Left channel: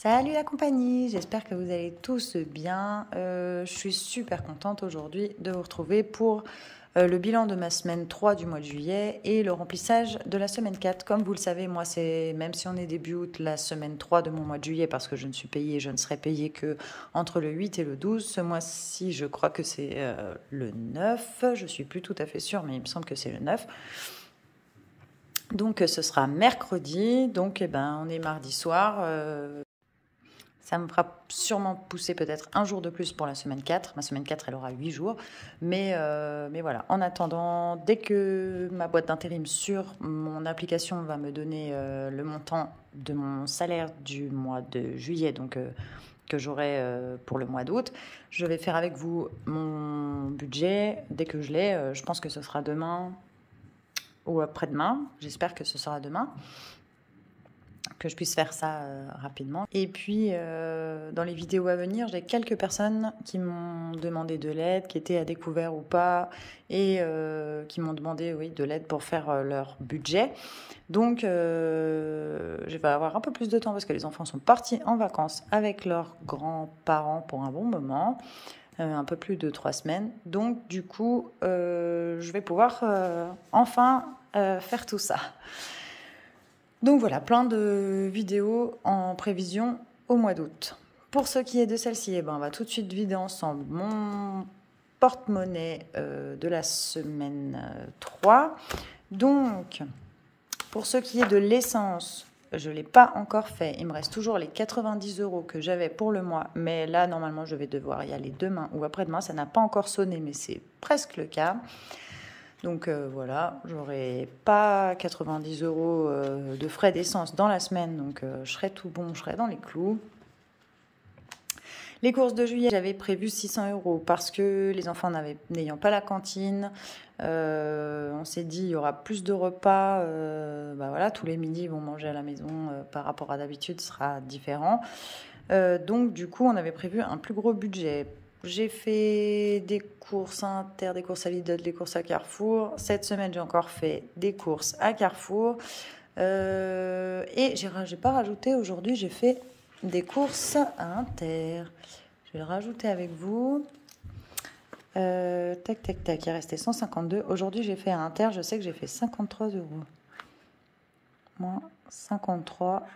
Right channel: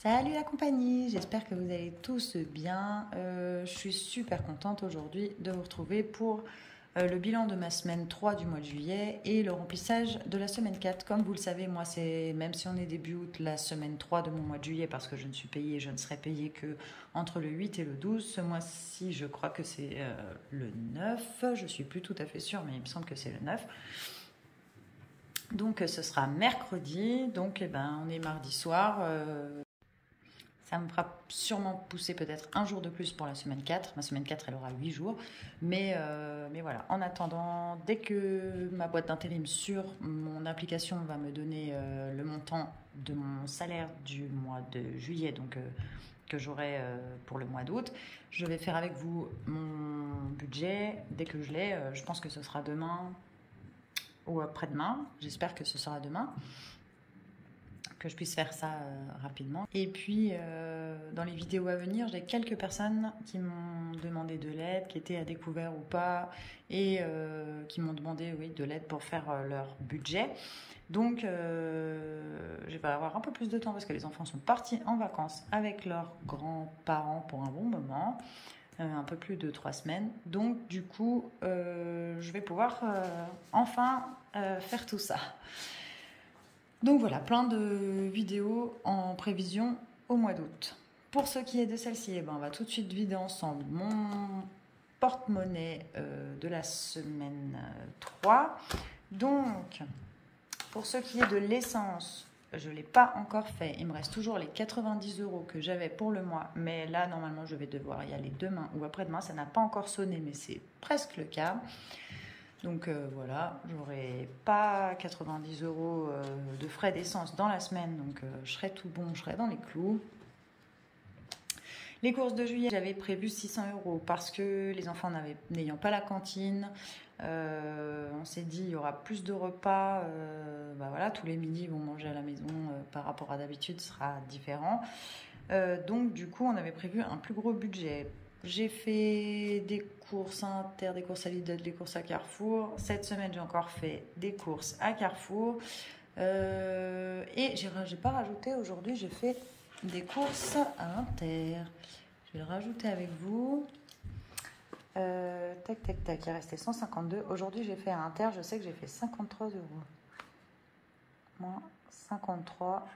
Salut la compagnie, j'espère que vous allez tous bien. Je suis super contente aujourd'hui de vous retrouver pour le bilan de ma semaine 3 du mois de juillet et le remplissage de la semaine 4. Comme vous le savez, moi c'est, même si on est début août, la semaine 3 de mon mois de juillet parce que je ne suis payée, je ne serai payée que entre le 8 et le 12. Ce mois-ci, je crois que c'est le 9, je suis plus tout à fait sûre, mais il me semble que c'est le 9. Donc ce sera mercredi, donc on est mardi soir. Ça me fera sûrement pousser peut-être un jour de plus pour la semaine 4. Ma semaine 4, elle aura 8 jours. Mais voilà, en attendant, dès que ma boîte d'intérim sur mon application va me donner le montant de mon salaire du mois de juillet, donc que j'aurai pour le mois d'août, je vais faire avec vous mon budget. Dès que je l'ai, je pense que ce sera demain ou après-demain. J'espère que ce sera demain, que je puisse faire ça rapidement. Et puis, dans les vidéos à venir, j'ai quelques personnes qui m'ont demandé de l'aide, qui étaient à découvert ou pas, et qui m'ont demandé de l'aide pour faire leur budget. Donc, je vais avoir un peu plus de temps parce que les enfants sont partis en vacances avec leurs grands-parents pour un bon moment, un peu plus de 3 semaines. Donc, du coup, je vais pouvoir enfin faire tout ça. Donc voilà, plein de vidéos en prévision au mois d'août. Pour ce qui est de celle-ci, on va tout de suite vider ensemble mon porte-monnaie de la semaine 3. Donc, pour ce qui est de l'essence, je ne l'ai pas encore fait. Il me reste toujours les 90 € que j'avais pour le mois. Mais là, normalement, je vais devoir y aller demain ou après-demain. Ça n'a pas encore sonné, mais c'est presque le cas. Donc voilà, j'aurai pas 90 € de frais d'essence dans la semaine, donc je serai tout bon, je serai dans les clous. Les courses de juillet, j'avais prévu 600 € parce que les enfants n'ayant pas la cantine, on s'est dit il y aura plus de repas, voilà, tous les midis ils vont manger à la maison par rapport à d'habitude, ce sera différent. Donc du coup on avait prévu un plus gros budget. J'ai fait des courses à Inter, des courses à Lidl, des courses à Carrefour. Cette semaine, j'ai encore fait des courses à Carrefour. Et j'ai pas rajouté aujourd'hui, j'ai fait des courses à Inter. Je vais le rajouter avec vous. Tac, tac, tac, il restait 152. Aujourd'hui, j'ai fait à Inter, je sais que j'ai fait 53 €. Moins 53.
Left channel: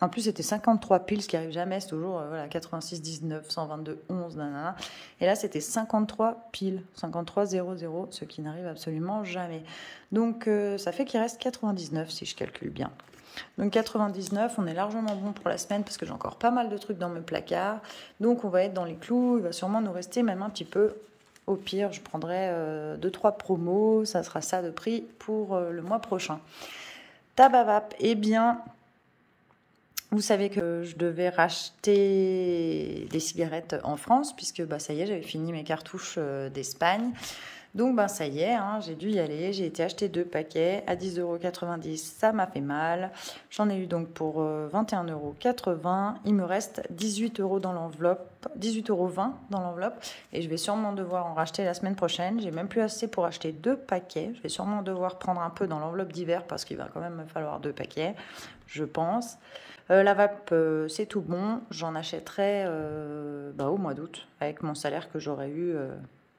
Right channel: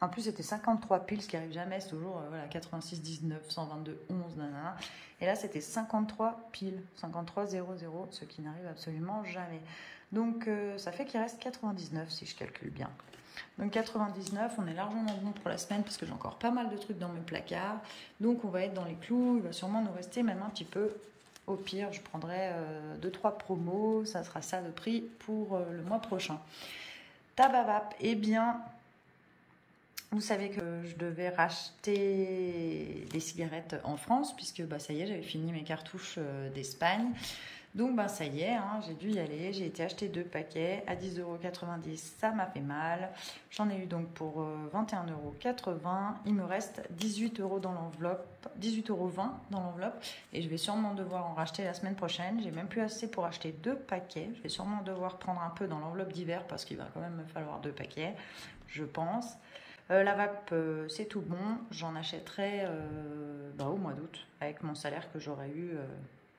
En plus, c'était 53 piles, ce qui arrive jamais. C'est toujours 86, 19, 122, 11, nanana. Et là, c'était 53 piles, 53 00, ce qui n'arrive absolument jamais. Donc, ça fait qu'il reste 99, si je calcule bien. Donc, 99, on est largement bon pour la semaine, parce que j'ai encore pas mal de trucs dans mes placards. Donc, on va être dans les clous. Il va sûrement nous rester même un petit peu. Au pire, je prendrai 2-3 promos. Ça sera ça de prix pour le mois prochain. Tababap, eh bien... Vous savez que je devais racheter des cigarettes en France, puisque ça y est, j'avais fini mes cartouches d'Espagne. Donc ça y est, j'ai dû y aller. J'ai été acheter 2 paquets à 10,90 €. Ça m'a fait mal. J'en ai eu donc pour 21,80 €. Il me reste 18 € dans l'enveloppe, 18,20 € dans l'enveloppe. Et je vais sûrement devoir en racheter la semaine prochaine. J'ai même plus assez pour acheter 2 paquets. Je vais sûrement devoir prendre un peu dans l'enveloppe d'hiver parce qu'il va quand même me falloir 2 paquets, je pense. La vape, c'est tout bon. J'en achèterai au mois d'août avec mon salaire que j'aurais eu,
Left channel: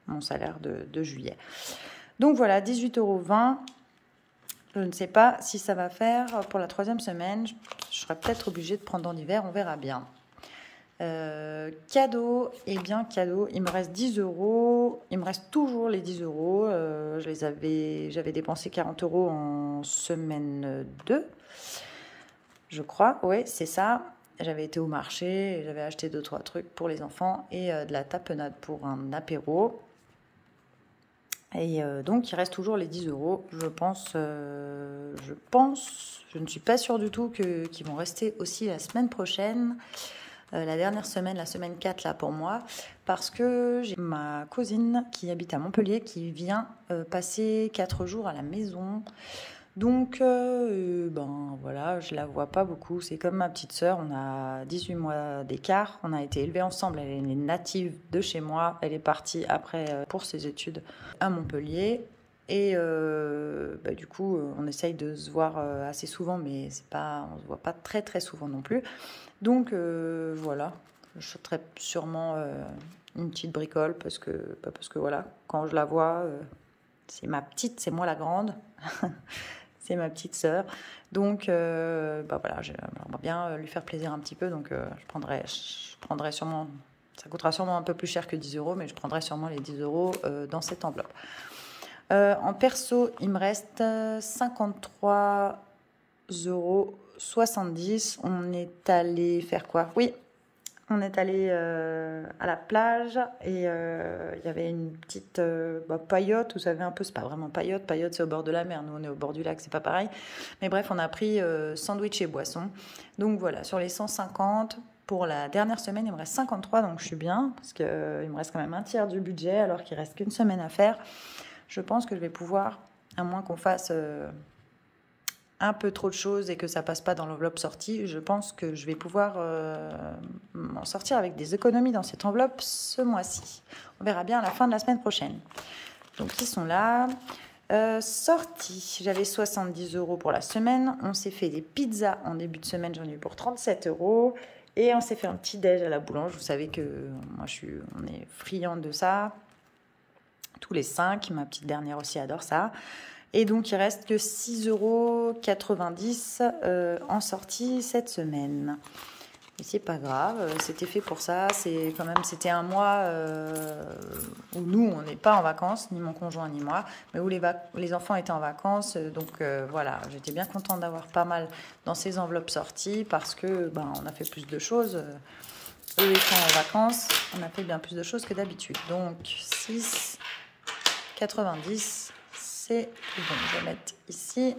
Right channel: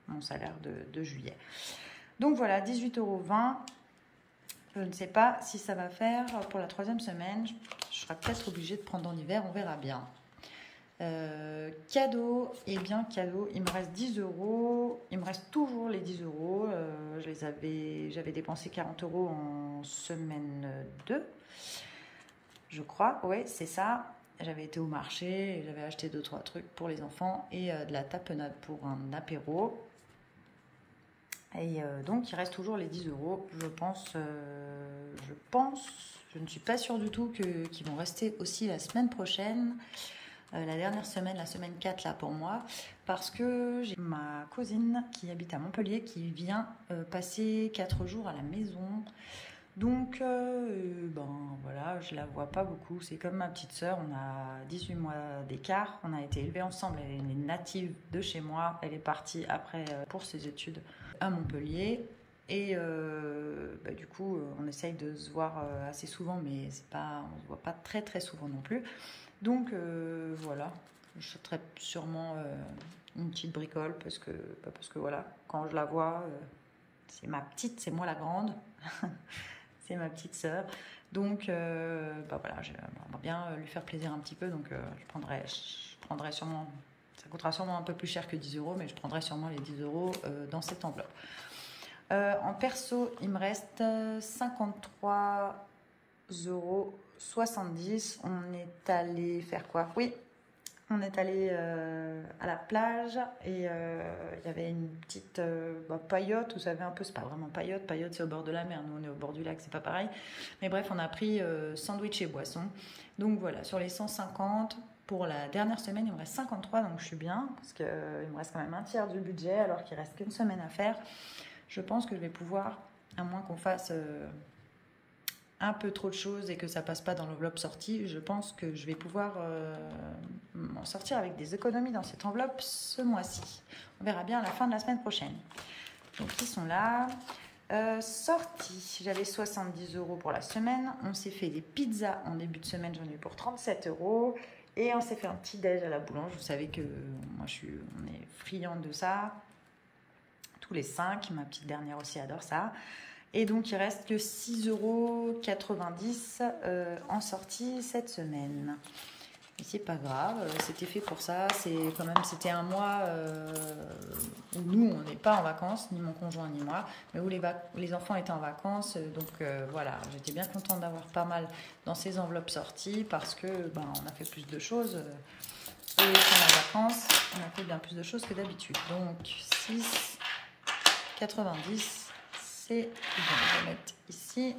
mon salaire de juillet. Donc voilà, 18,20 €. Je ne sais pas si ça va faire pour la 3e semaine. Je serai peut-être obligée de prendre en hiver, on verra bien. Cadeau, eh bien cadeau, il me reste 10 €. Il me reste toujours les 10 €. J'avais dépensé 40 € en semaine 2. Je crois, oui, c'est ça. J'avais été au marché et j'avais acheté 2-3 trucs pour les enfants et de la tapenade pour un apéro. Et donc, il reste toujours les 10 €. Je pense, je ne suis pas sûre du tout qu'ils vont rester aussi la semaine prochaine. La dernière semaine, la semaine 4 là pour moi, parce que j'ai ma cousine qui habite à Montpellier qui vient passer 4 jours à la maison. Donc, voilà, je la vois pas beaucoup. C'est comme ma petite sœur, on a 18 mois d'écart. On a été élevés ensemble. Elle est native de chez moi. Elle est partie après pour ses études à Montpellier. Et du coup, on essaye de se voir assez souvent, mais on ne se voit pas très très souvent non plus. Donc voilà, je ferai sûrement une petite bricole parce que voilà, quand je la vois, c'est ma petite, c'est moi la grande, c'est ma petite sœur. Donc voilà, j'aimerais bien lui faire plaisir un petit peu, donc je prendrai sûrement, ça coûtera sûrement un peu plus cher que 10 euros, mais je prendrai sûrement les 10 euros dans cette enveloppe. En perso, il me reste 53,70 €. On est allé faire quoi? Oui, on est allé à la plage et il y avait une petite paillote, vous savez un peu, c'est pas vraiment paillote c'est au bord de la mer, nous on est au bord du lac, c'est pas pareil. Mais bref, on a pris sandwich et boisson. Donc voilà, sur les 150, pour la dernière semaine, il me reste 53, donc je suis bien, parce qu'il me reste quand même un tiers du budget, alors qu'il reste qu'une semaine à faire. Je pense que je vais pouvoir, à moins qu'on fasse un peu trop de choses et que ça passe pas dans l'enveloppe sortie, je pense que je vais pouvoir m'en sortir avec des économies dans cette enveloppe ce mois-ci. On verra bien à la fin de la semaine prochaine. Donc ils sont là. Sortie, j'avais 70 € pour la semaine. On s'est fait des pizzas en début de semaine, j'en ai eu pour 37 €. Et on s'est fait un petit déj à la boulange. Vous savez que moi on est friand de ça. Tous les 5, ma petite dernière aussi adore ça. Et donc il reste que 6,90 € en sortie cette semaine. Mais c'est pas grave, c'était fait pour ça. C'était un mois où nous on n'est pas en vacances, ni mon conjoint ni moi, mais où les enfants étaient en vacances. Donc voilà, j'étais bien contente d'avoir pas mal dans ces enveloppes sorties parce que on a fait plus de choses. Et quand en vacances, on a fait bien plus de choses que d'habitude. Donc 6,90 €. C'est bon, je vais mettre ici.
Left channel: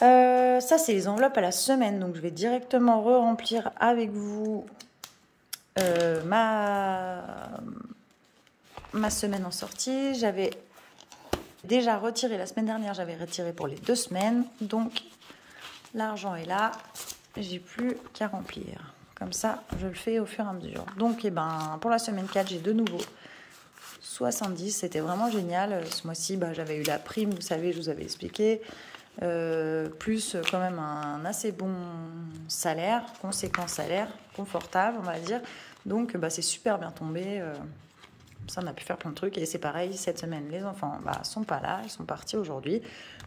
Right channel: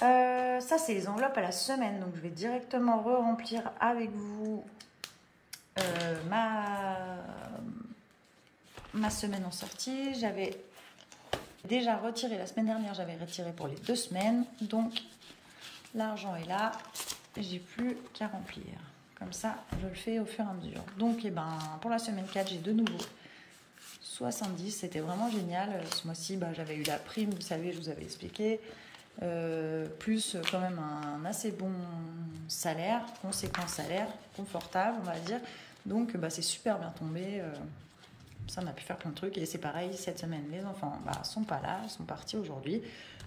Ça, c'est les enveloppes à la semaine. Donc, je vais directement re-remplir avec vous ma semaine en sortie. J'avais déjà retiré la semaine dernière. J'avais retiré pour les 2 semaines. Donc, l'argent est là. J'ai plus qu'à remplir. Comme ça, je le fais au fur et à mesure. Donc, pour la semaine 4, j'ai de nouveau 70, c'était vraiment génial. Ce mois-ci, j'avais eu la prime, vous savez, je vous avais expliqué, plus quand même un assez bon salaire, conséquent salaire, confortable, on va dire. Donc, c'est super bien tombé. Ça, on a pu faire plein de trucs. Et c'est pareil, cette semaine, les enfants sont pas là, ils sont partis aujourd'hui.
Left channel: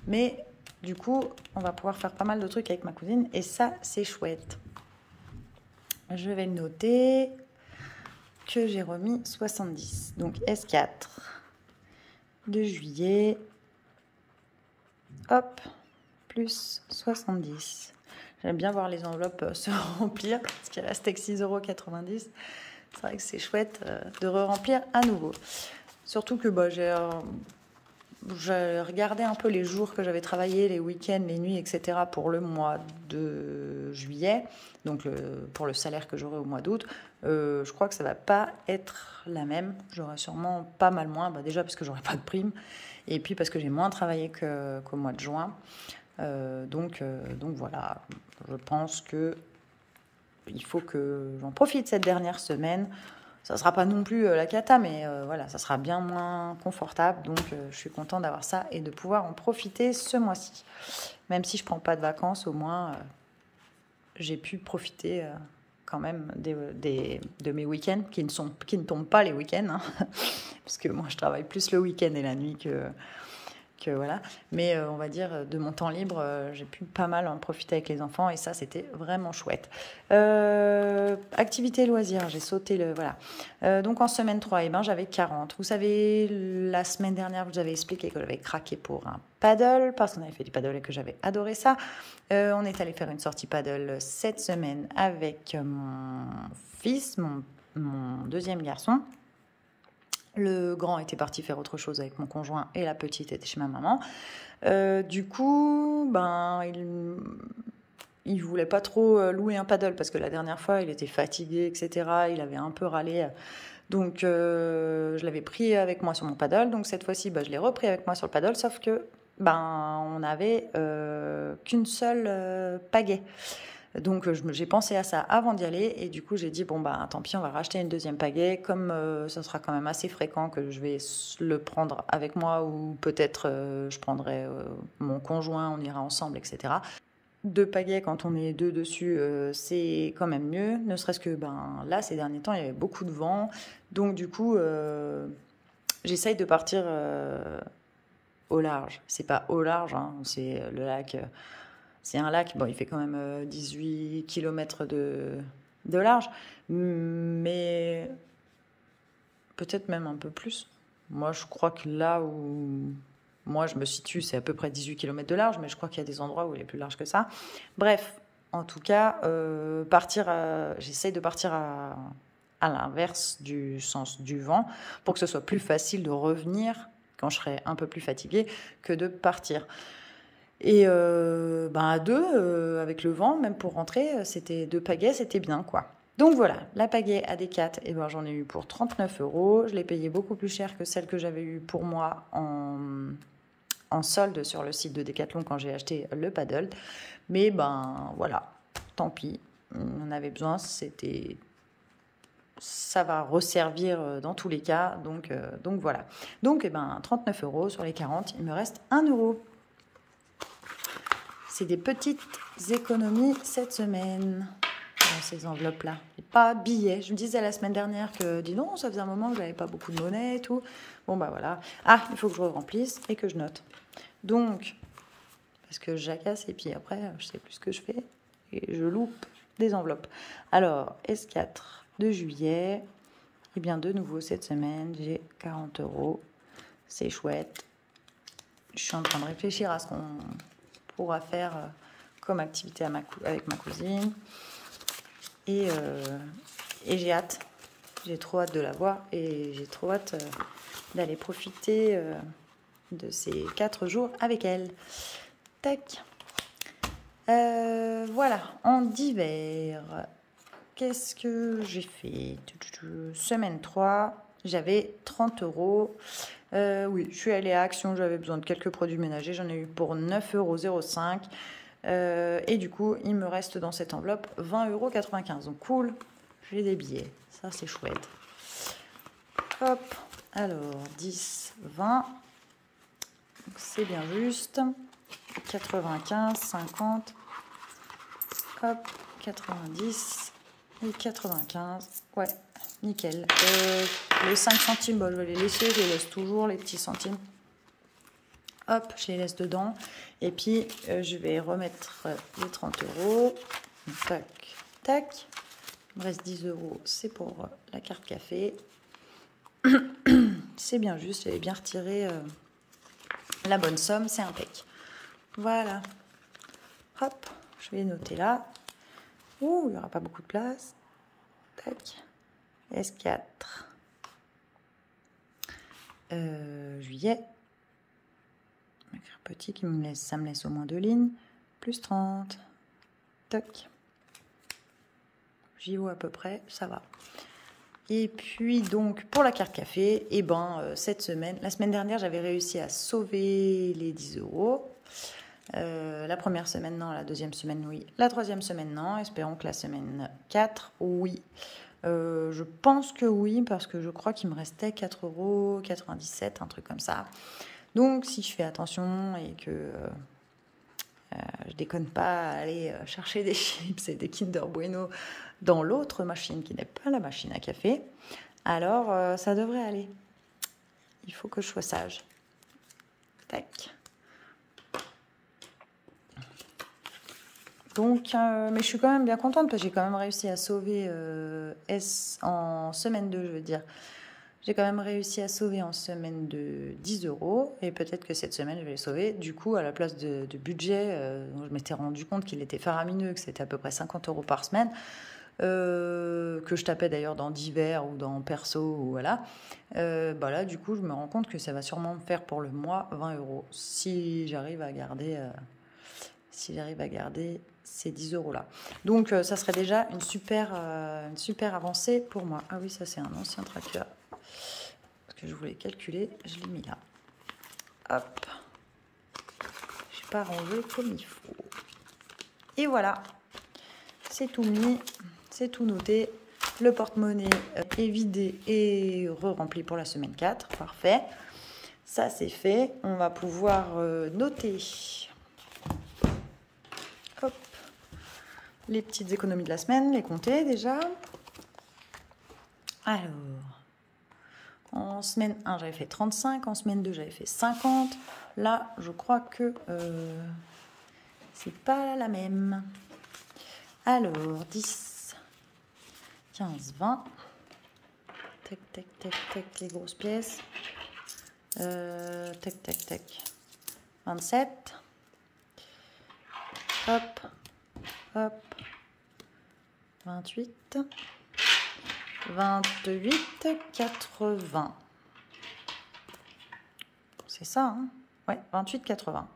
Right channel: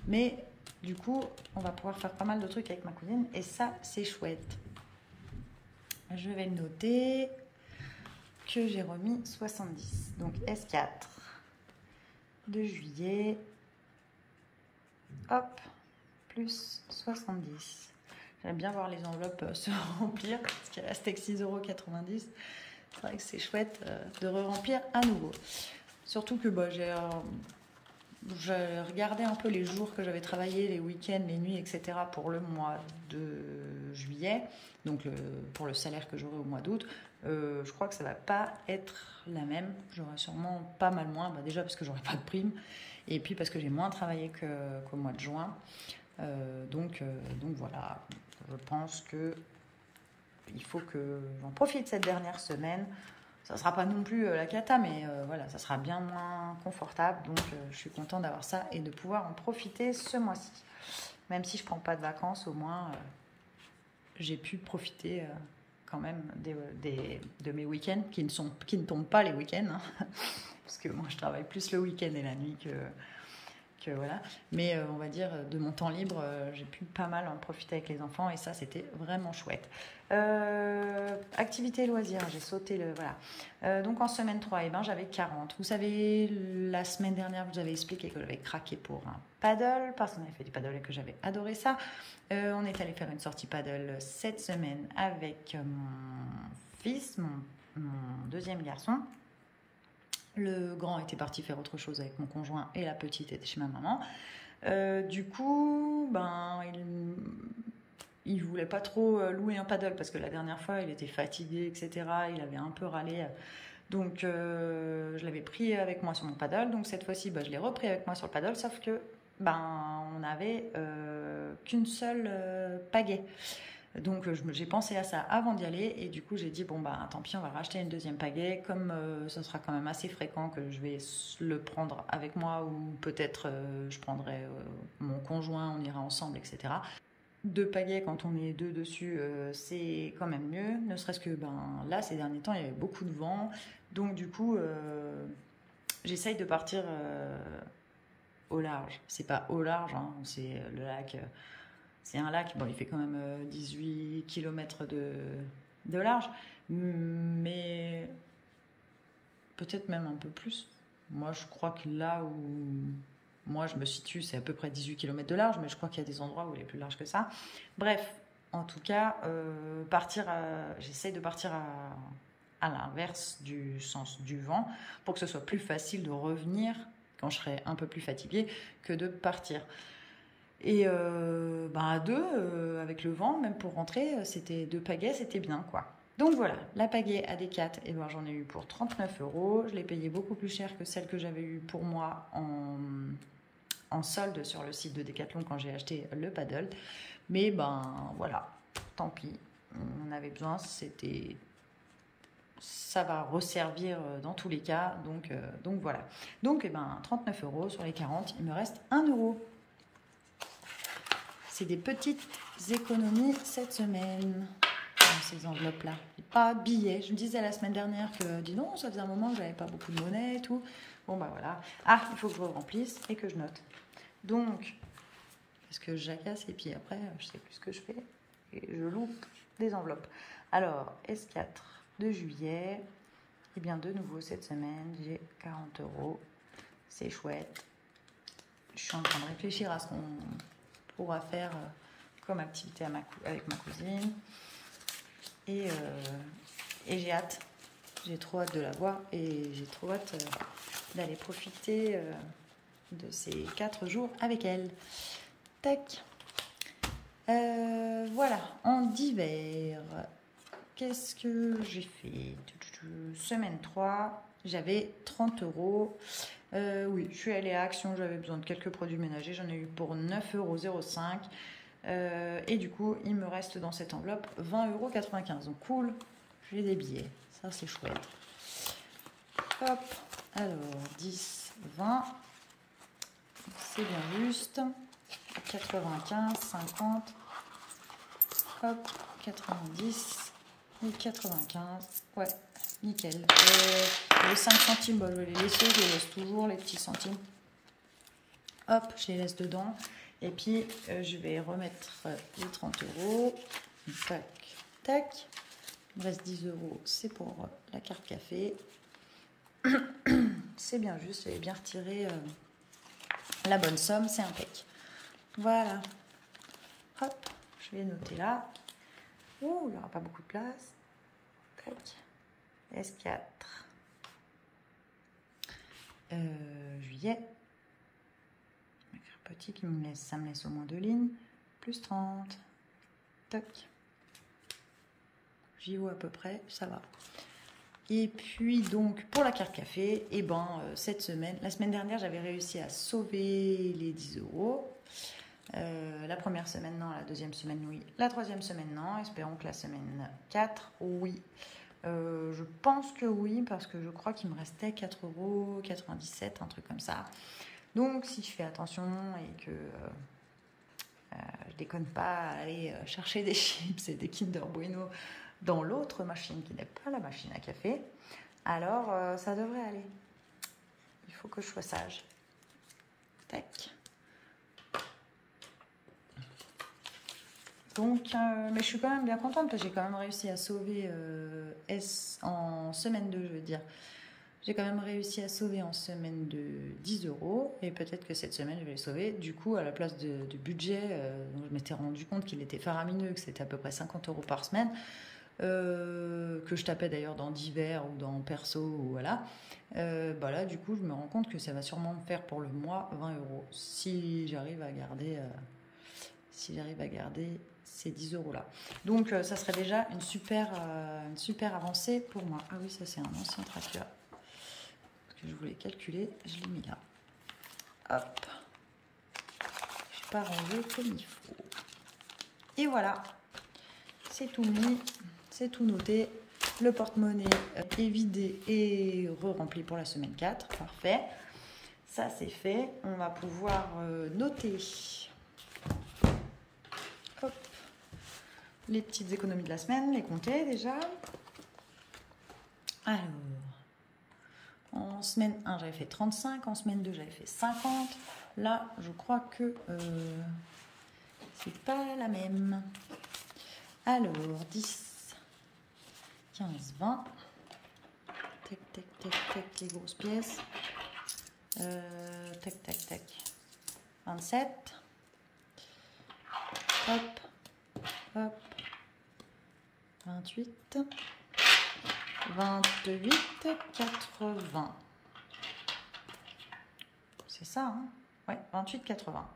Mais du coup, on va pouvoir faire pas mal de trucs avec ma cousine. Et ça, c'est chouette. Je vais le noter que j'ai remis 70. Donc S4 de juillet, hop, plus 70. J'aime bien voir les enveloppes se remplir, parce qu'il reste avec 6,90 €. C'est vrai que c'est chouette de re-remplir à nouveau. Surtout que j'ai regardé un peu les jours que j'avais travaillé, les week-ends, les nuits, etc. pour le mois de juillet, donc pour le salaire que j'aurai au mois d'août. Je crois que ça ne va pas être la même. J'aurai sûrement pas mal moins, déjà parce que j'aurai pas de prime, et puis parce que j'ai moins travaillé qu'au mois de juin. Donc voilà, je pense que il faut que j'en profite cette dernière semaine. Ça ne sera pas non plus la cata, mais voilà, ça sera bien moins confortable. Donc je suis contente d'avoir ça et de pouvoir en profiter ce mois-ci. Même si je ne prends pas de vacances, au moins j'ai pu profiter quand même de mes week-ends, qui ne tombent pas les week-ends, hein, parce que moi je travaille plus le week-end et la nuit que voilà. Mais on va dire de mon temps libre, j'ai pu pas mal en profiter avec les enfants et ça c'était vraiment chouette. Activité loisirs, j'ai sauté le voilà. Donc en semaine 3, j'avais 40. Vous savez, la semaine dernière, je vous avais expliqué que j'avais craqué pour un paddle parce qu'on avait fait du paddle et que j'avais adoré ça. On est allé faire une sortie paddle cette semaine avec mon fils, mon deuxième garçon. Le grand était parti faire autre chose avec mon conjoint et la petite était chez ma maman. Du coup, il voulait pas trop louer un paddle parce que la dernière fois, il était fatigué, etc. Il avait un peu râlé. Donc, je l'avais pris avec moi sur mon paddle. Donc, cette fois-ci, je l'ai repris avec moi sur le paddle. Sauf que, on n'avait qu'une seule pagaie. Donc j'ai pensé à ça avant d'y aller et du coup j'ai dit bon bah tant pis, on va racheter une deuxième pagaie comme ça sera quand même assez fréquent que je vais le prendre avec moi ou peut-être je prendrai mon conjoint, on ira ensemble, etc. Deux pagaies quand on est deux dessus, c'est quand même mieux, ne serait-ce que ben là ces derniers temps il y avait beaucoup de vent, donc du coup j'essaye de partir au large. C'est pas au large, hein, c'est le lac. C'est un lac, bon, il fait quand même 18 km de large, mais peut-être même un peu plus. Moi, je crois que là où moi je me situe, c'est à peu près 18 km de large, mais je crois qu'il y a des endroits où il est plus large que ça. Bref, en tout cas, j'essaye de partir à l'inverse du sens du vent pour que ce soit plus facile de revenir quand je serai un peu plus fatiguée que de partir. Et à deux, avec le vent, même pour rentrer, c'était deux pagaies, c'était bien, quoi. Donc voilà, la pagaie AD4, eh ben, j'en ai eu pour 39 €. Je l'ai payée beaucoup plus cher que celle que j'avais eue pour moi en solde sur le site de Decathlon quand j'ai acheté le paddle. Mais ben voilà, tant pis, on en avait besoin, ça va resservir dans tous les cas, donc voilà. Donc eh ben, 39 € sur les 40, il me reste 1 €. C'est des petites économies cette semaine dans ces enveloppes-là. Pas billets. Je me disais la semaine dernière que, dis donc, ça faisait un moment que je n'avais pas beaucoup de monnaie et tout. Bon, bah voilà. Ah, il faut que je remplisse et que je note. Donc, parce que je jacasse et puis après, je sais plus ce que je fais et je loupe des enveloppes. Alors, S4 de juillet. Eh bien, de nouveau, cette semaine, j'ai 40 €. C'est chouette. Je suis en train de réfléchir à ce qu'on pourra faire comme activité avec ma cousine. Et j'ai hâte. J'ai trop hâte de la voir et j'ai trop hâte d'aller profiter de ces 4 jours avec elle. Tac. Voilà, en d'hiver, qu'est-ce que j'ai fait? Semaine 3, j'avais 30 €. Oui, je suis allée à Action, j'avais besoin de quelques produits ménagers, j'en ai eu pour 9,05 €. Et du coup, il me reste dans cette enveloppe 20,95 €. Donc cool, j'ai des billets, ça c'est chouette. Hop, alors 10, 20, c'est bien juste. 95, 50, hop, 90 et 95, ouais, nickel. Les 5 centimes, bon, je vais les laisser, je les laisse toujours, les petits centimes. Hop, je les laisse dedans. Et puis, je vais remettre les 30 €. Tac, tac. Il me reste 10 €, c'est pour la carte café. C'est bien juste, j'avais bien retiré la bonne somme, c'est impec. Voilà. Hop, je vais noter là. Ouh, il n'y aura pas beaucoup de place. Tac. S4. Juillet. Je vais faire petit, ça me laisse au moins 2 lignes. Plus 30. Toc. J'y vois à peu près, ça va. Et puis donc pour la carte café, et cette semaine, la semaine dernière, j'avais réussi à sauver les 10 €. La première semaine, non. La deuxième semaine, oui. La troisième semaine, non. Espérons que la semaine 4, oui. Je pense que oui, parce que je crois qu'il me restait 4,97 €, un truc comme ça. Donc, si je fais attention et que je déconne pas à aller chercher des chips et des Kinder Bueno dans l'autre machine qui n'est pas la machine à café, alors ça devrait aller. Il faut que je sois sage. Tac. Donc, mais je suis quand même bien contente parce que j'ai quand même réussi à sauver en semaine 2, je veux dire. J'ai quand même réussi à sauver en semaine de 10 € et peut-être que cette semaine, je vais le sauver. Du coup, à la place de budget, je m'étais rendu compte qu'il était faramineux, que c'était à peu près 50 € par semaine, que je tapais d'ailleurs dans divers ou dans perso, ou voilà. Là, du coup, je me rends compte que ça va sûrement me faire pour le mois 20 € si j'arrive à garder... ces 10 € là. Donc ça serait déjà une super avancée pour moi. Ah oui, ça c'est un ancien tracteur. Parce que je voulais calculer, je l'ai mis là. Hop. Je n'ai pas rangé comme il faut. Et voilà. c'est tout mis, c'est tout noté. Le porte-monnaie est vidé et re-rempli pour la semaine 4. Parfait. Ça, c'est fait. On va pouvoir noter hop, les petites économies de la semaine, les compter déjà. Alors, en semaine 1, j'avais fait 35. En semaine 2, j'avais fait 50. Là, je crois que c'est pas la même. Alors, 10, 15, 20. Tac, tac, tac, tac, les grosses pièces. Tac, tac, tac. 27. Hop, hop. 28. 28, 80. C'est ça, hein? Ouais, 28, 80.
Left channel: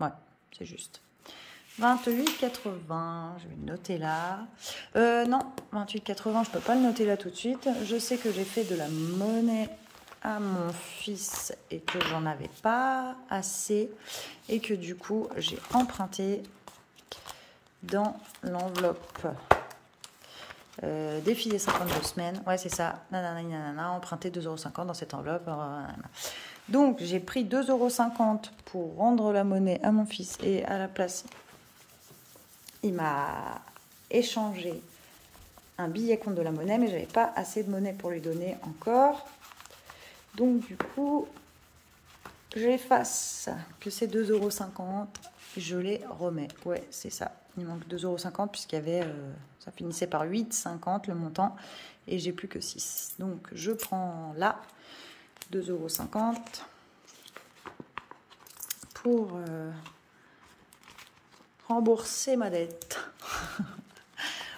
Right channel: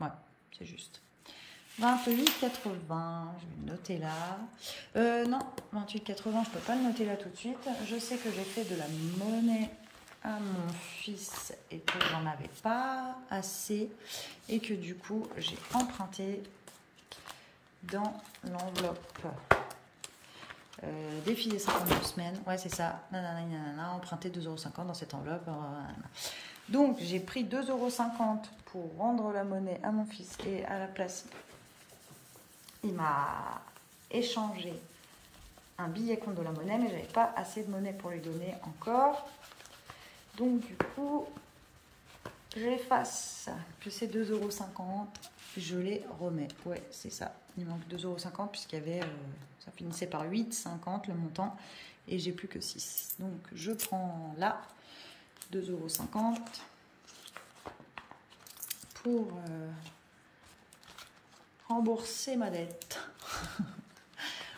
Ouais, c'est juste. 28, 80, je vais le noter là. Non, 28, 80, je ne peux pas le noter là tout de suite. Je sais que j'ai fait de la monnaie à mon fils et que j'en avais pas assez. Et que du coup, j'ai emprunté dans l'enveloppe défi des 52 semaines. Ouais, c'est ça. Nanana, nanana, emprunté 2,50 € dans cette enveloppe. Donc, j'ai pris 2,50 € pour rendre la monnaie à mon fils et à la place, il m'a échangé un billet contre de la monnaie, mais j'avais pas assez de monnaie pour lui donner encore. Donc, du coup, j'efface que c'est 2,50 €, je les remets. Ouais, c'est ça. Il manque 2,50 € puisqu'il y avait, ça finissait par 8,50 € le montant et j'ai plus que 6. Donc, je prends là 2,50 € pour rembourser ma dette.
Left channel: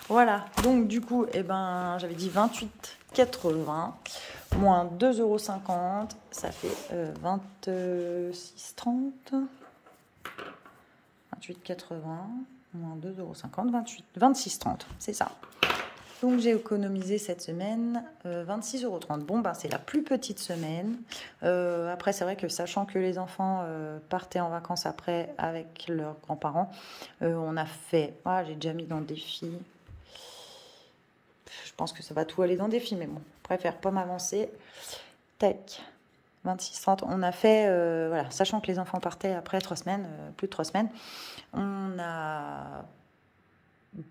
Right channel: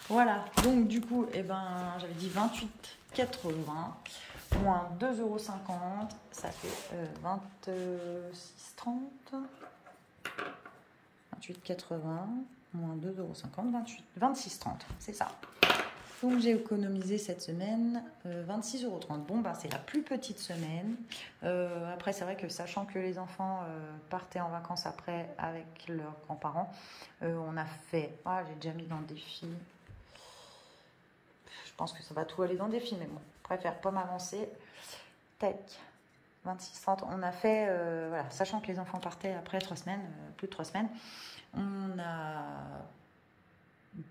Voilà, donc du coup, eh ben, j'avais dit 28,80 moins 2,50 €, ça fait 26,30 €. 28,80 moins 2,50 €, 26,30 €, c'est ça. Donc j'ai économisé cette semaine 26,30 €. Bon, bah, c'est la plus petite semaine. Après, c'est vrai que sachant que les enfants partaient en vacances après avec leurs grands-parents, on a fait... Ah, j'ai déjà mis dans le défi. Je pense que ça va tout aller dans le défi, mais bon, je préfère pas m'avancer. Tac, 26,30 €. On a fait, voilà, sachant que les enfants partaient après 3 semaines, plus de 3 semaines, on a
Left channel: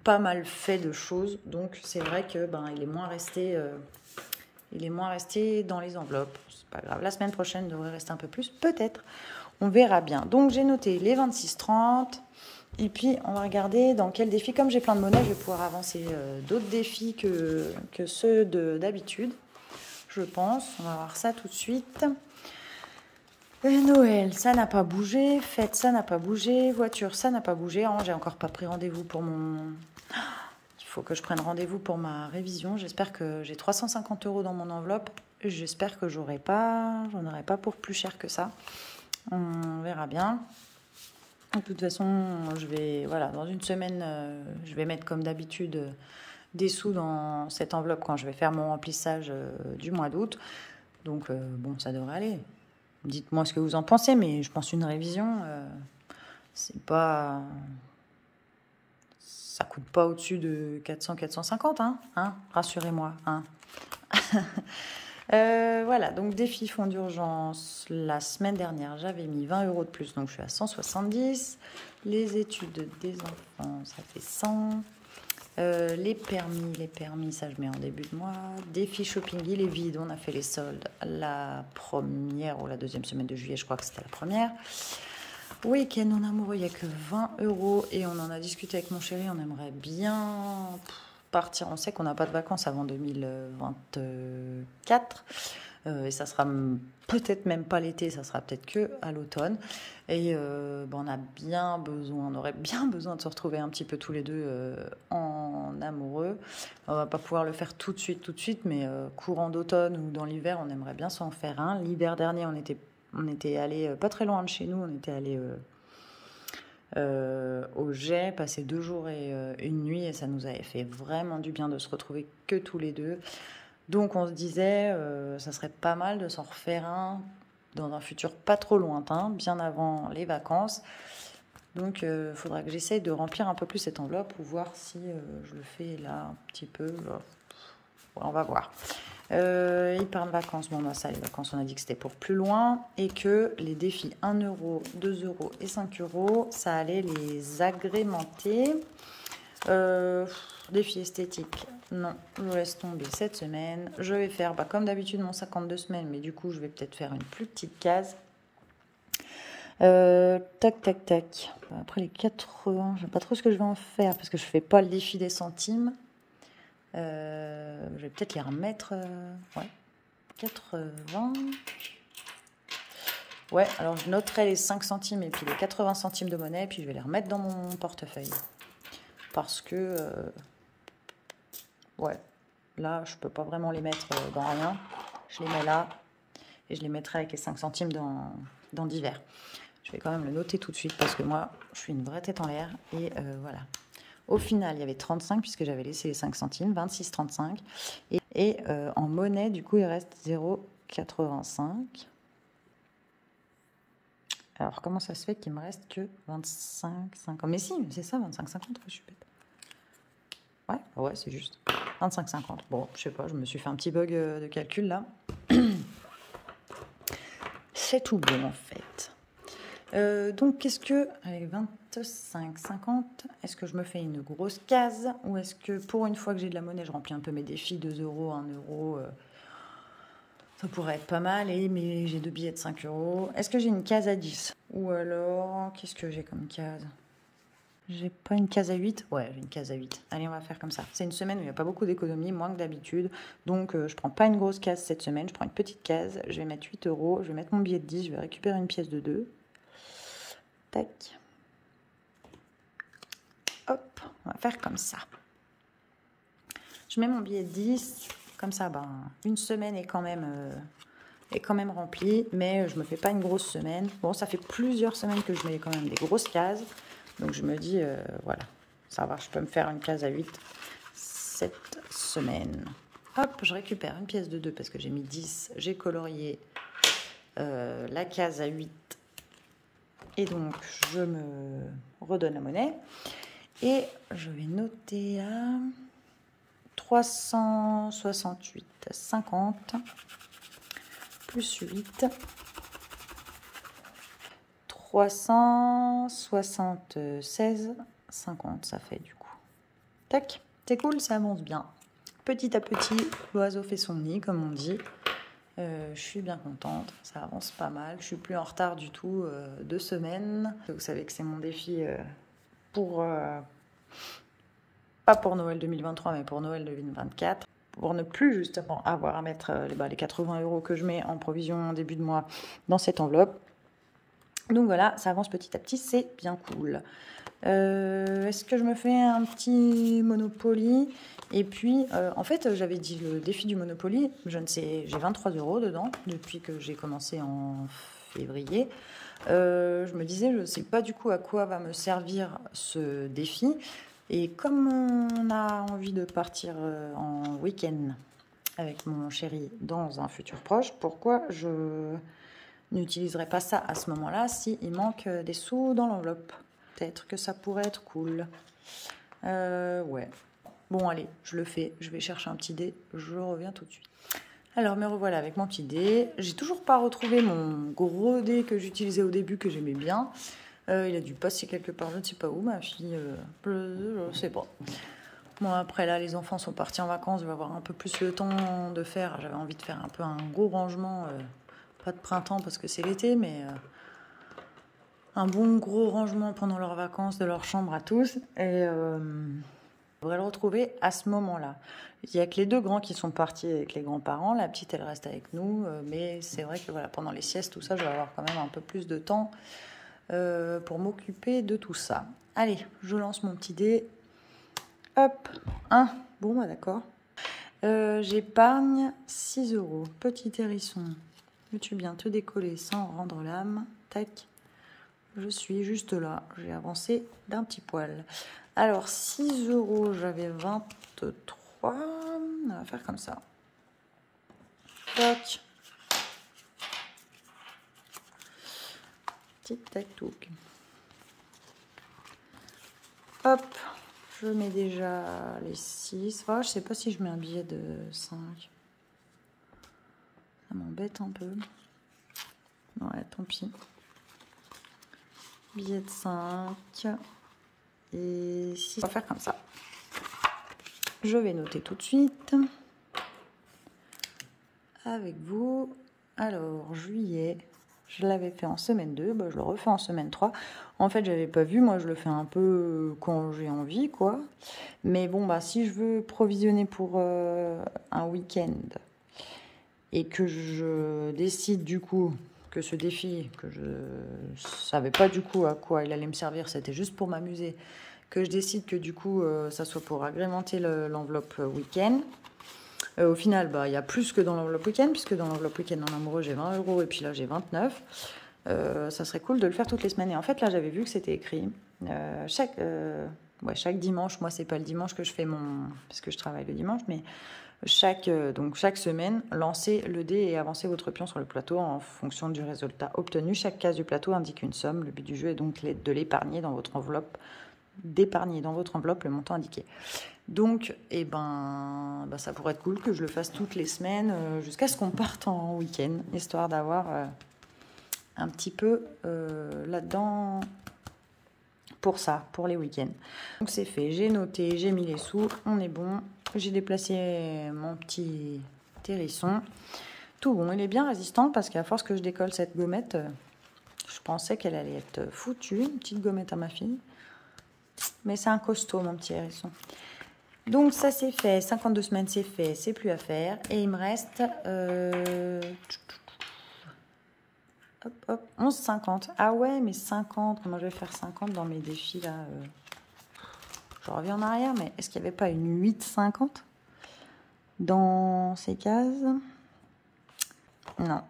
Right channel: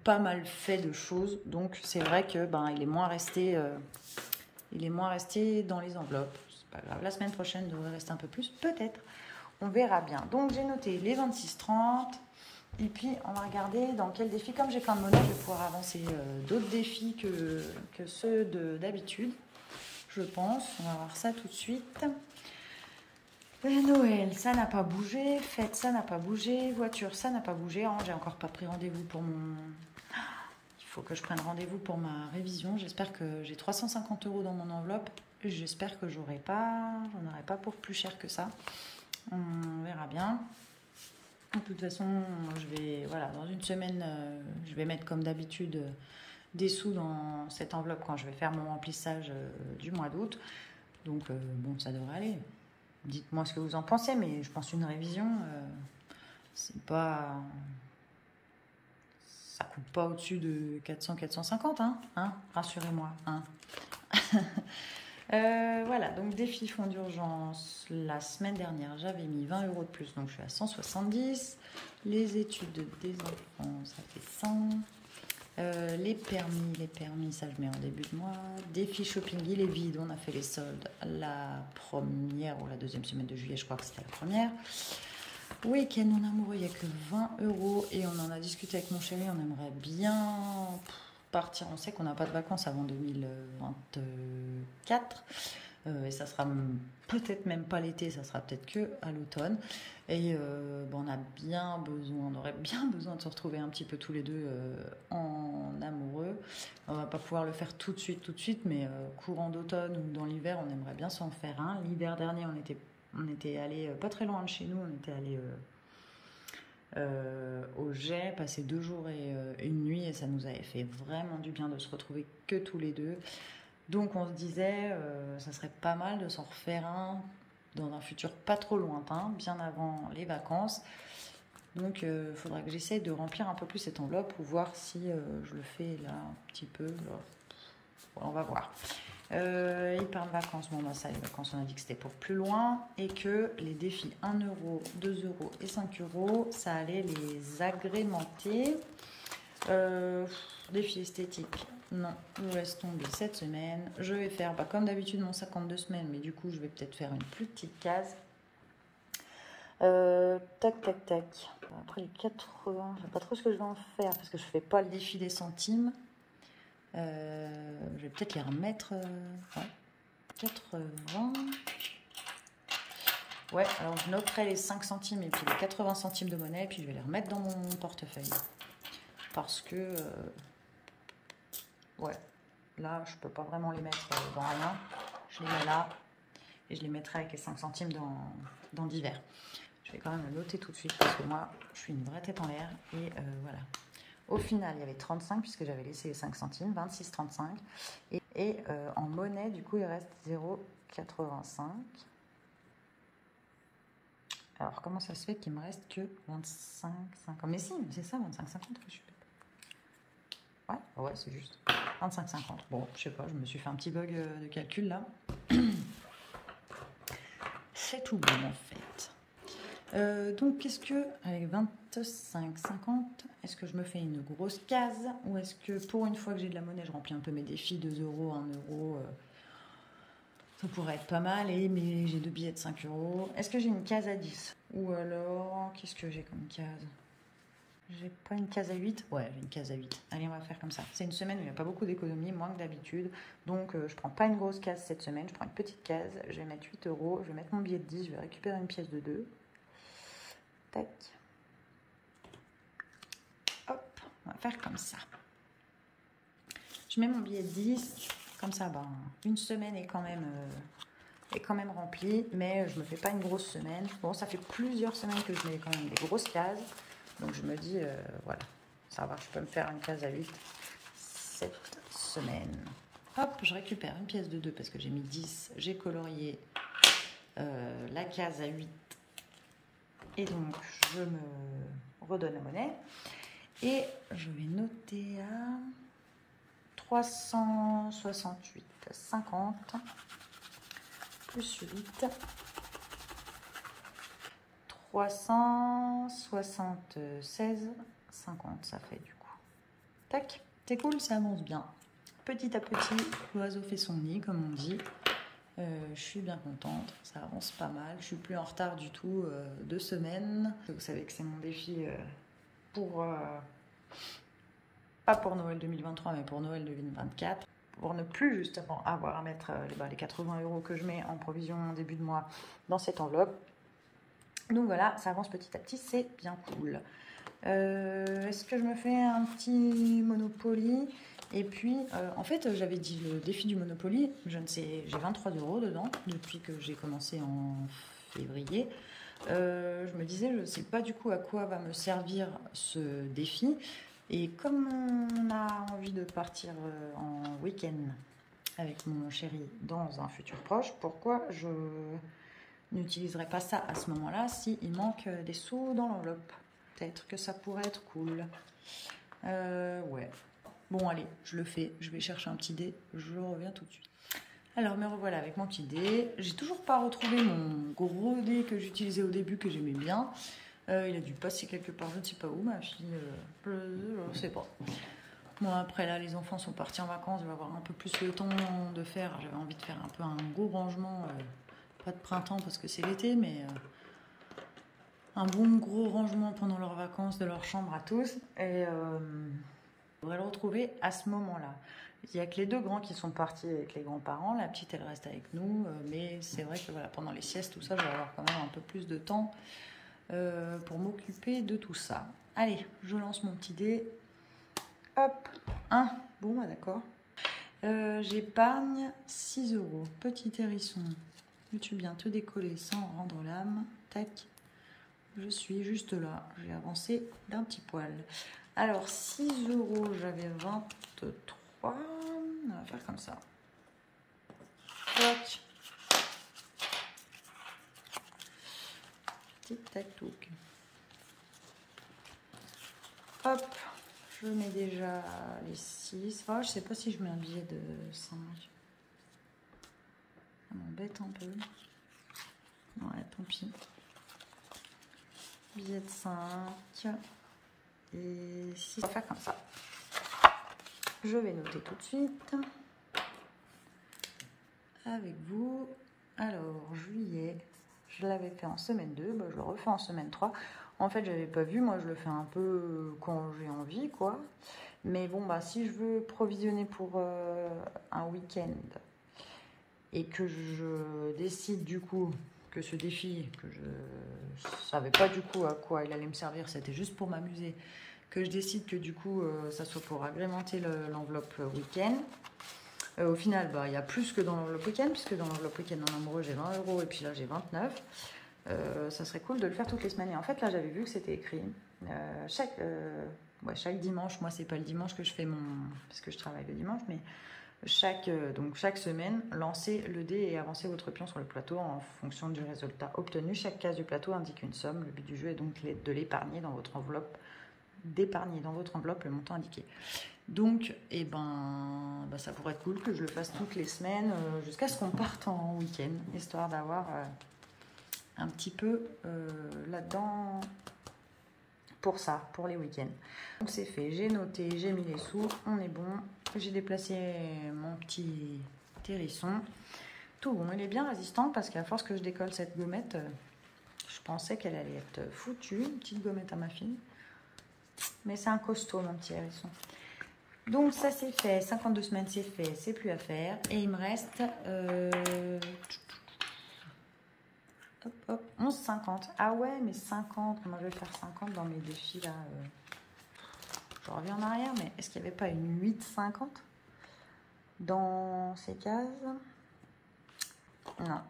pas mal fait de choses, donc c'est vrai que ben il est moins resté dans les enveloppes. C'est pas grave, la semaine prochaine il devrait rester un peu plus, peut-être, on verra bien. Donc j'ai noté les 26,30 et puis on va regarder dans quel défi. Comme j'ai plein de monnaie, je vais pouvoir avancer d'autres défis que ceux d'habitude, je pense. On va voir ça tout de suite. Et Noël, ça n'a pas bougé. Fête, ça n'a pas bougé. Voiture, ça n'a pas bougé. J'ai encore pas pris rendez-vous pour mon... Il faut que je prenne rendez-vous pour ma révision. J'espère que j'ai 350 € dans mon enveloppe. J'espère que j'en aurai pas pour plus cher que ça. On verra bien. De toute façon, je vais, voilà, dans une semaine, je vais mettre comme d'habitude des sous dans cette enveloppe quand je vais faire mon remplissage du mois d'août. Donc, bon, ça devrait aller. Dites-moi ce que vous en pensez, mais je pense une révision, c'est pas... Ça coûte pas au-dessus de 400-450, hein, rassurez-moi. Hein. Voilà, donc défi fonds d'urgence. La semaine dernière, j'avais mis 20 € de plus, donc je suis à 170. Les études des enfants, ça fait 100. Les permis, ça je mets en début de mois. Défi shopping, il est vide. On a fait les soldes la première ou la deuxième semaine de juillet, je crois que c'était la première. Week-end en amoureux, il n'y a que 20 € et on en a discuté avec mon chéri. On aimerait bien partir. On sait qu'on n'a pas de vacances avant 2024 et ça sera peut-être même pas l'été, ça sera peut-être que à l'automne. Et on a bien besoin, on aurait bien besoin de se retrouver un petit peu tous les deux en amoureux. On va pas pouvoir le faire tout de suite, mais courant d'automne ou dans l'hiver, on aimerait bien s'en faire un. L'hiver dernier, on était allé pas très loin de chez nous, on était allé au Jet, passer 2 jours et une nuit, et ça nous avait fait vraiment du bien de se retrouver que tous les deux. Donc on se disait, ça serait pas mal de s'en refaire un dans un futur pas trop lointain, bien avant les vacances. Donc, il faudra que j'essaye de remplir un peu plus cette enveloppe pour voir si je le fais là un petit peu. Là. On va voir. Il part de vacances. Bon, bah, ça, les vacances, on a dit que c'était pour plus loin. Et que les défis 1 euro, 2 euros et 5 euros, ça allait les agrémenter. Défi esthétique. Non, je laisse tomber cette semaine. Je vais faire, bah, comme d'habitude, mon 52 semaines. Mais du coup, je vais peut-être faire une plus petite case. Tac, tac, tac. Après les 80, je ne sais pas trop ce que je vais en faire parce que je ne fais pas le défi des centimes. Je vais peut-être les remettre. Ouais, 80. Ouais, alors je noterai les 5 centimes et puis les 80 centimes de monnaie. Et puis je vais les remettre dans mon portefeuille. Parce que, ouais, là, je ne peux pas vraiment les mettre dans rien. Je les mets là et je les mettrai avec les 5 centimes dans divers. Je vais quand même le noter tout de suite parce que moi, je suis une vraie tête en l'air. Et voilà. Au final, il y avait 35 puisque j'avais laissé les 5 centimes, 26,35. Et en monnaie, du coup, il reste 0,85. Alors, comment ça se fait qu'il me reste que 25,50? Mais si, c'est ça, 25,50. Je suis bête. Ouais, c'est juste. 25,50. Bon, je sais pas, je me suis fait un petit bug de calcul là. C'est tout bon en fait. Donc, qu'est-ce que, avec 25,50, est-ce que je me fais une grosse case ou est-ce que pour une fois que j'ai de la monnaie, je remplis un peu mes défis, 2 euros, 1 euro, ça pourrait être pas mal, mais j'ai 2 billets de 5 euros. Est-ce que j'ai une case à 10? Ou alors, qu'est-ce que j'ai comme case? J'ai pas une case à 8? Ouais, j'ai une case à 8. Allez, on va faire comme ça. C'est une semaine où il n'y a pas beaucoup d'économies, moins que d'habitude. Donc, je prends pas une grosse case cette semaine, je prends une petite case. Je vais mettre 8 euros, je vais mettre mon billet de 10, je vais récupérer une pièce de 2. Tac. Hop, on va faire comme ça. Je mets mon billet de 10. Comme ça, ben, une semaine est quand même remplie. Mais je ne me fais pas une grosse semaine. Bon, ça fait plusieurs semaines que je mets quand même des grosses cases. Donc, je me dis, voilà, ça va, je peux me faire une case à 8 cette semaine. Hop, je récupère une pièce de 2 parce que j'ai mis 10. J'ai colorié la case à 8. Et donc, je me redonne la monnaie. Et je vais noter là 368,50 plus 8. 376,50 ça fait du coup. Tac, c'est cool, ça avance bien. Petit à petit, l'oiseau fait son nid, comme on dit. Je suis bien contente, ça avance pas mal. Je suis plus en retard du tout, 2 semaines. Vous savez que c'est mon défi pour pas pour Noël 2023, mais pour Noël 2024. Pour ne plus justement avoir à mettre les 80 euros que je mets en provision en début de mois dans cette enveloppe. Donc voilà, ça avance petit à petit, c'est bien cool. Est-ce que je me fais un petit Monopoly? Et puis, en fait, j'avais dit le défi du Monopoly, je ne sais, j'ai 23 euros dedans depuis que j'ai commencé en février. Je me disais, je ne sais pas du coup à quoi va me servir ce défi. Et comme on a envie de partir en week-end avec mon chéri dans un futur proche, pourquoi je n'utiliserai pas ça à ce moment-là s'il manque des sous dans l'enveloppe? Peut-être que ça pourrait être cool. Ouais. Bon, allez, je le fais. Je vais chercher un petit dé. Je reviens tout de suite. Alors, me revoilà avec mon petit dé. J'ai toujours pas retrouvé mon gros dé que j'utilisais au début, que j'aimais bien. Il a dû passer quelque part, je ne sais pas où, ma fille. Je ne sais pas. Bon, après, là, les enfants sont partis en vacances. Je vais avoir un peu plus le temps de faire. J'avais envie de faire un peu un gros rangement. Pas de printemps parce que c'est l'été, mais un bon gros rangement pendant leurs vacances de leur chambre à tous. Et je devrais le retrouver à ce moment-là. Il n'y a que les 2 grands qui sont partis avec les grands-parents. La petite, elle reste avec nous. Mais c'est vrai que voilà, pendant les siestes, tout ça, je vais avoir quand même un peu plus de temps pour m'occuper de tout ça. Allez, je lance mon petit dé. Hop, 1. Bon, bah d'accord. J'épargne 6 euros. Petit hérisson. Veux-tu bien te décoller sans rendre l'âme? Tac. Je suis juste là. J'ai avancé d'un petit poil. Alors, 6 euros, j'avais 23. On va faire comme ça. Tac. Tic tac touc. Hop, je mets déjà les 6. Oh, je sais pas si je mets un billet de 5. Ça m'embête un peu. Ouais, tant pis. Billet de 5. Et 6. On va faire comme ça. Je vais noter tout de suite avec vous. Alors, juillet, je l'avais fait en semaine 2. Bah, je le refais en semaine 3. En fait, j'avais pas vu. Moi, je le fais un peu quand j'ai envie, quoi. Mais bon, bah, si je veux provisionner pour un week-end et que je décide du coup que ce défi, que je savais pas du coup à quoi il allait me servir, c'était juste pour m'amuser, que je décide que du coup ça soit pour agrémenter l'enveloppe week-end. Au final, bah, il y a plus que dans l'enveloppe week-end, puisque dans l'enveloppe week-end en amoureux j'ai 20 € et puis là j'ai 29. Ça serait cool de le faire toutes les semaines. Et en fait là j'avais vu que c'était écrit chaque dimanche. Moi c'est pas le dimanche que je fais parce que je travaille le dimanche, mais chaque semaine, lancez le dé et avancez votre pion sur le plateau en fonction du résultat obtenu. Chaque case du plateau indique une somme. Le but du jeu est donc de l'épargner dans votre enveloppe, d'épargner dans votre enveloppe le montant indiqué. Donc, ça pourrait être cool que je le fasse toutes les semaines jusqu'à ce qu'on parte en week-end, histoire d'avoir un petit peu là-dedans pour ça, pour les week-ends. Donc c'est fait, j'ai noté, j'ai mis les sous, on est bon. J'ai déplacé mon petit hérisson. Tout bon, il est bien résistant parce qu'à force que je décolle cette gommette, je pensais qu'elle allait être foutue. Une petite gommette à ma fille. Mais c'est un costaud, mon petit hérisson. Donc ça c'est fait, 52 semaines c'est fait, c'est plus à faire. Et il me reste 11,50. Ah ouais, mais 50, moi je vais faire 50 dans mes défis là. Je reviens en arrière, mais est-ce qu'il n'y avait pas une 8,50 dans ces cases? Non.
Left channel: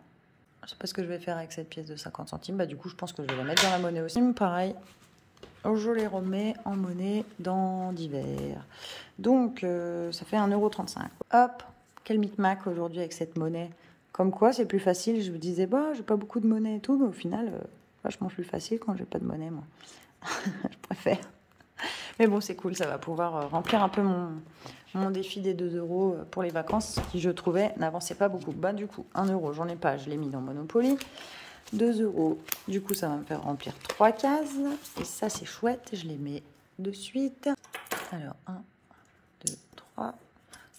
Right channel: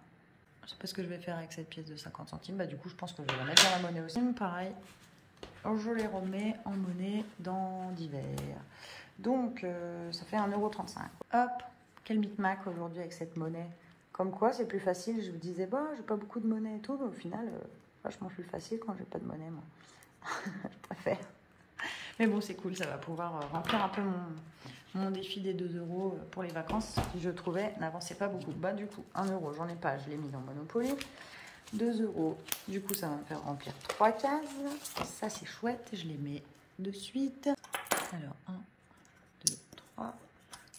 Je sais pas ce que je vais faire avec cette pièce de 50 centimes. Bah, du coup, je pense que je vais la mettre dans la monnaie aussi. Pareil, je les remets en monnaie dans divers. Donc, ça fait 1,35 €. Hop, quel micmac aujourd'hui avec cette monnaie. Comme quoi, c'est plus facile. Je vous disais, bah, j'ai pas beaucoup de monnaie et tout, mais au final, vachement plus facile quand j'ai pas de monnaie, moi. Je préfère. Mais bon, c'est cool, ça va pouvoir remplir un peu mon défi des 2 € pour les vacances, qui je trouvais n'avançait pas beaucoup. Bah du coup, 1 €, j'en ai pas, je l'ai mis dans Monopoly. 2 €, du coup ça va me faire remplir 3 cases. Et ça c'est chouette, je les mets de suite. Alors 1, 2, 3.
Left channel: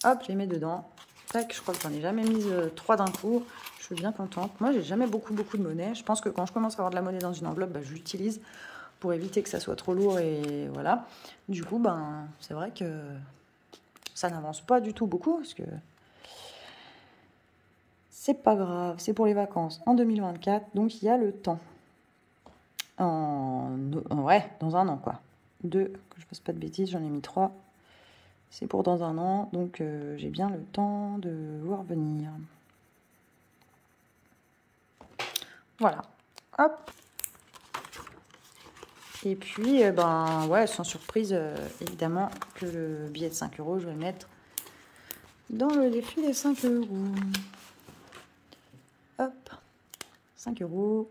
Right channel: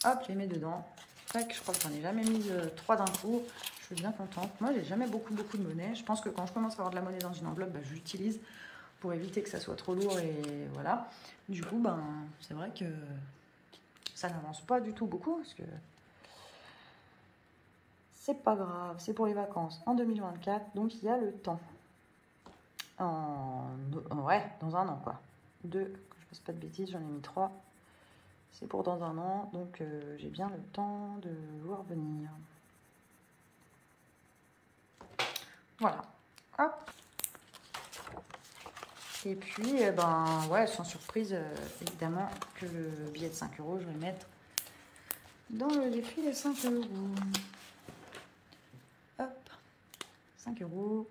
Hop, je les mets dedans. Tac, je crois que j'en ai jamais mis 3 d'un coup. Je suis bien contente. Moi j'ai jamais beaucoup de monnaie. Je pense que quand je commence à avoir de la monnaie dans une enveloppe, bah, je l'utilise pour éviter que ça soit trop lourd et voilà. Du coup, c'est vrai que ça n'avance pas du tout beaucoup parce que c'est pas grave, c'est pour les vacances en 2024, donc il y a le temps. Ouais, dans un an quoi. 2, que je fasse pas de bêtises, j'en ai mis 3. C'est pour dans un an, donc j'ai bien le temps de voir venir. Voilà. Hop. Et puis, ouais, sans surprise, évidemment, que le billet de 5 €, je vais le mettre dans le défi des 5 €. Hop, 5 €.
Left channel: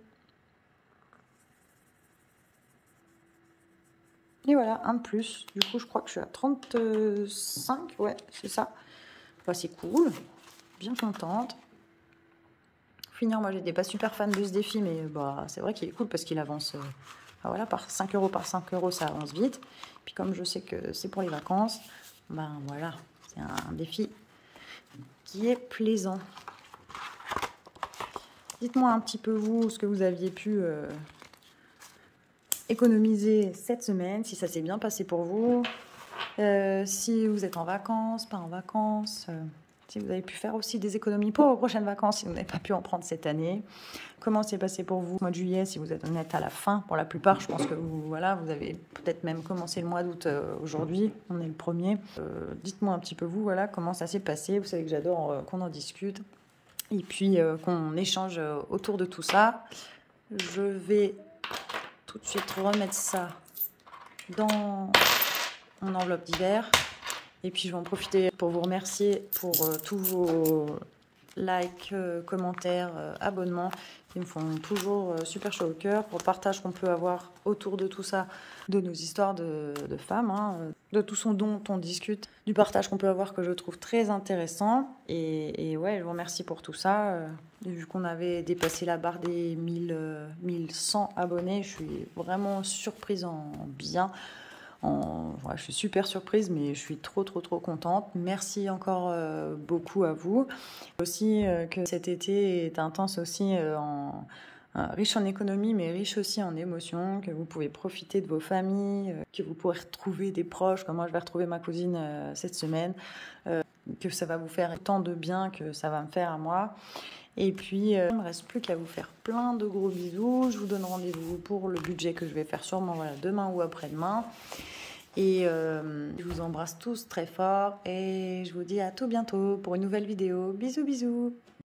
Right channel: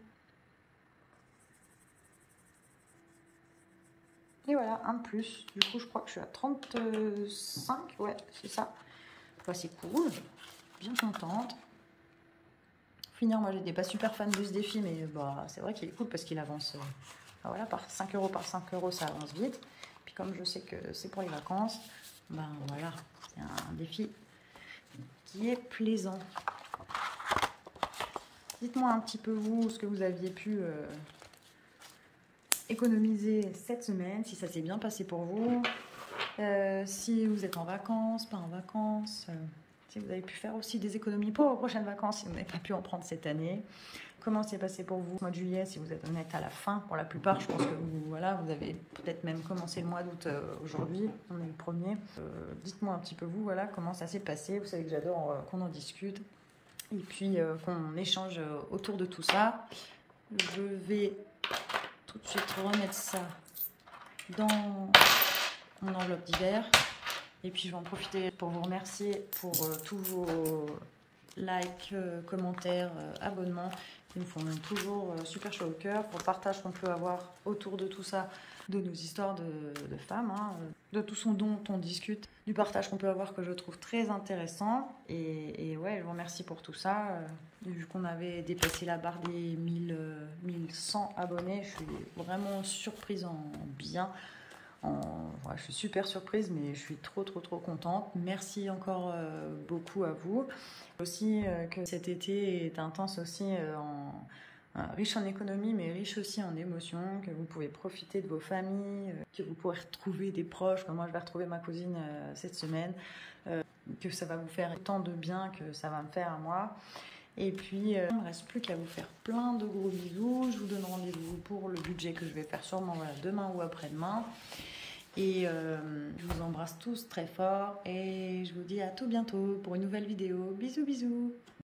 Et voilà, un de plus. Du coup, je crois que je suis à 35. Ouais, c'est ça. Bah, c'est cool. Bien contente. Finir, moi, j'étais pas super fan de ce défi, mais c'est vrai qu'il est cool parce qu'il avance... voilà, par 5 € par 5 €, ça avance vite. Puis comme je sais que c'est pour les vacances, voilà, c'est un défi qui est plaisant. Dites-moi un petit peu, vous, ce que vous aviez pu économiser cette semaine, si ça s'est bien passé pour vous, si vous êtes en vacances, pas en vacances, si vous avez pu faire aussi des économies pour vos prochaines vacances, si vous n'avez pas pu en prendre cette année. Comment c'est passé pour vous au mois de juillet, si vous êtes honnête à la fin? Pour la plupart, je pense que vous avez peut-être même commencé le mois d'août aujourd'hui. On est le 1er. Dites-moi un petit peu vous, voilà, comment ça s'est passé. Vous savez que j'adore qu'on en discute. Et puis qu'on échange autour de tout ça. Je vais tout de suite remettre ça dans mon enveloppe d'hiver. Et puis je vais en profiter pour vous remercier pour tous vos likes, commentaires, abonnements. qui me font toujours super chaud au cœur, pour le partage qu'on peut avoir autour de tout ça, de nos histoires de femmes, hein, de tout ce dont on discute, du partage qu'on peut avoir que je trouve très intéressant. Et ouais, je vous remercie pour tout ça. Vu qu'on avait dépassé la barre des 1100 abonnés, je suis vraiment surprise en bien. Ouais, je suis super surprise, mais je suis trop contente. Merci encore beaucoup à vous. Aussi que cet été est intense aussi riche en économie, mais riche aussi en émotions, que vous pouvez profiter de vos familles, que vous pourrez retrouver des proches, comme moi je vais retrouver ma cousine cette semaine, que ça va vous faire tant de bien que ça va me faire à moi. Et puis, il ne me reste plus qu'à vous faire plein de gros bisous. Je vous donne rendez-vous pour le budget que je vais faire sûrement demain ou après-demain. Et je vous embrasse tous très fort et je vous dis à tout bientôt pour une nouvelle vidéo. Bisous bisous.